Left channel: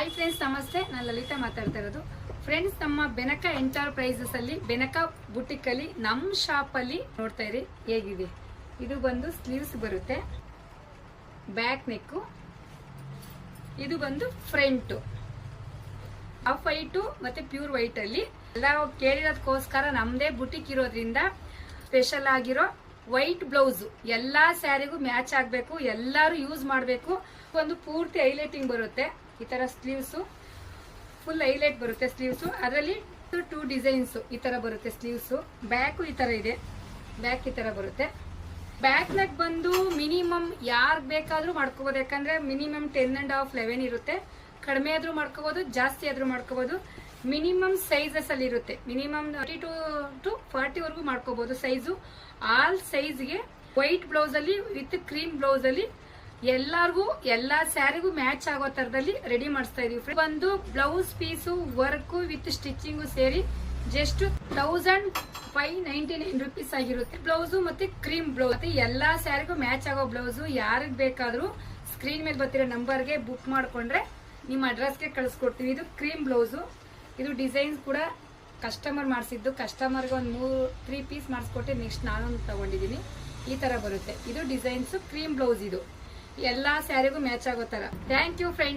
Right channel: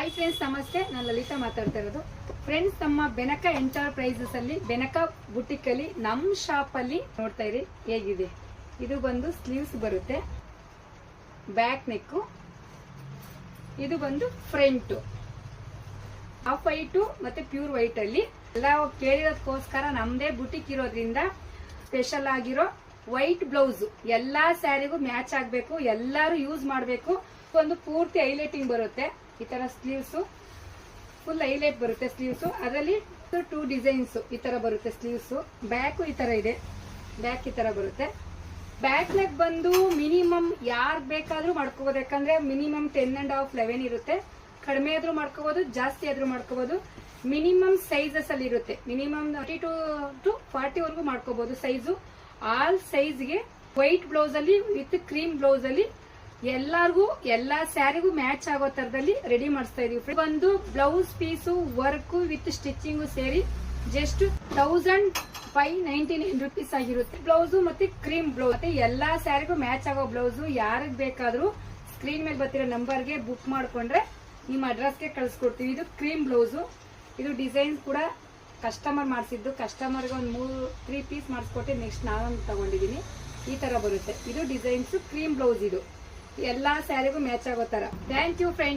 Hi friends, ನಮಸ್ತೆ. ನಾನು ಲಲಿತಾ ಮಾತಾಡ್ತಾ ಇರೋದು. ಫ್ರೆಂಡ್ಸ್, ನಮ್ಮ ಬೆನಕ ಎಂಟರ್ಪ್ರೈಸಸ್ ಅಲ್ಲಿ ಬೆನಕ ಬುಟಿಕ್ ಅಲ್ಲಿ ನಮ್ಮ ಶಾಪ್ ಅಲ್ಲಿ ನೋಡ್ತಾ ಇರಿ ಹೇಗಿದೆ. ಇದು ಬಂದು ಸ್ಲೀವ್ಸ್ ಬರುತ್ತೆ, ಬ್ಯಾಕ್ ನೆಕ್, ಇದು ಬಂದು ಫ್ರಂಟ್. ಆಫ್ ವೈಟ್ ಮತ್ತೆ ಪ್ಯೂರ್ ವೈಟ್ ಅಲ್ಲಿ ಎಲ್ಲ ಕೇಳಿರೋದಕ್ಕೋಸ್ಕರ ನಮ್ದೇ ಬುಟಿಕ್ ಇರೋದ್ರಿಂದ ಸ್ಪೆಷಲ್ ಆಗಿರೋ ವೈಟ್ ಬ್ಲೌಸ್ ಎಲ್ಲಾ ಸ್ಯಾರಿಗೂ ಮ್ಯಾಚ್ ಆಗ್ಬೇಕು, ಎಲ್ಲಾರು ಯೂಸ್ ಮಾಡಬೇಕು. ಒಂದು ಪೂರ್ತಿ ಹೈಲೈಟಿಂಗ್ ಬರುತ್ತೆ. ಈ ತರ ಸ್ಲೀವ್ಸ್ ಫುಲ್ ಹೈಲೈಟ್ ಬರುತ್ತೆ. ಸ್ಲೀವ್ಸ್ ಅದರಲ್ಲಿ 2 ಡಿಸೈನ್ಸ್ ಈ ತರ ಬರುತ್ತೆ. ಸ್ಲೀವ್ಸ್ ಬ್ಯಾಕ್ ಈ ತರ ಇದೆ, ಬ್ಯಾಕ್ ಈ ತರ ಬರುತ್ತೆ. ಬ್ಯಾಕ್ ನೆಕ್ ಬಂದು ಮಿನಿಮಮ್ ಯಾರ್ ಬೇಕಾದ್ರೂ ಮಾಡ್ಕೋಬಹುದು, ಯಾಕಂದ್ರೆ ಮಿನಿಮಮ್ 10.5 11 ಇರುತ್ತೆ. ಕಡಿಮೆ ಆದ್ರೂ ಮಾಡ್ಕೋಬಹುದು, ಜಾಸ್ತಿ ಆದ್ರೂ ಮಾಡ್ಕೋಬಹುದು. ಮಿನಿಮಮ್ ಸೈಜಸ್ ಅಲ್ಲಿ ಇರುತ್ತೆ. ಮಿನಿಮಮ್ 32 to 40 ವರೆಗೂ ಮಾಡ್ಕೋಬಹುದು ಸೈಜು. ಆಲ್ ಸೈಜ್ಗೆ ವೈಟ್ ಬ್ಲೌಸ್ ಅಲ್ಲಿ ವಿತ್ ಕ್ರೀಮ್ ಬ್ಲೌಸ್ ಅಲ್ಲಿ ಎಲ್ಲಾರ್ಗೂ ಎಲ್ಲಾ ಸ್ಯಾರಿಗೂ ಮ್ಯಾಚ್ ಆಗೋ ತರದಲ್ಲಿ ರೆಡಿ ಮಾಡಿಸ್ತಾ ಇದೀವಿ. ಬಂದು blouse piece work with stitching ಸೇರಿ ಜಸ್ಟ್ 1599 rupees ಆಗಿರುತ್ತೆ. ಬ್ಲೌಸ್ ಮತ್ತೆ ಕ್ರೀಮ್ ಬ್ಲೌಸ್ ಮತ್ತೆ ಎಲ್ಲಾ ಸ್ಯಾರಿಗೂ ಮ್ಯಾಚ್ ಆಗೋ ಬ್ಲೌಸ್ ಯಾರಿಗ್ ಬೇಕಾದ್ರೂ ಸ್ಕ್ರೀನ್ ಮೇಲೆ ಬರ್ತಿರೋ ನಂಬರ್ಗೆ ಬುಕ್ ಮಾಡ್ಕೊಂಡ್ರೆ ನಿಮ್ಮ ಅಡ್ರೆಸ್ಗೆ ಕಳಿಸ್ಕೊಡ್ತೀವಿ. ಇದು ಕ್ರೀಮ್ ಬ್ಲೌಸ್. ಇದು ಡಿಸೈನ್ ಕೂಡ ಕಸ್ಟಮರ್ ಮಾಡಿಸಿದ್ದು. ಕಸ್ಟಮರ್ಗೆ ಒಂದು 3 ಪೀಸ್ ಮಾಡಿಸ್ಕೊಟ್ಟೆ, ನೆಕ್ಸ್ಟ್ ನಾನು ತಗೊಂಡಿದ್ದೀನಿ. ಈ ತರ ಬರುತ್ತೆ. ಇದು ಡಿಸೈನ್ಸ್ ಕ್ರೀಮ್ ಬ್ಲೌಸ್. ಇದು ಎಲ್ಲಾ ಸ್ಯಾರಿಗೂ ಮ್ಯಾಚ್ ಆಗೋ ತರ. Thank you friends.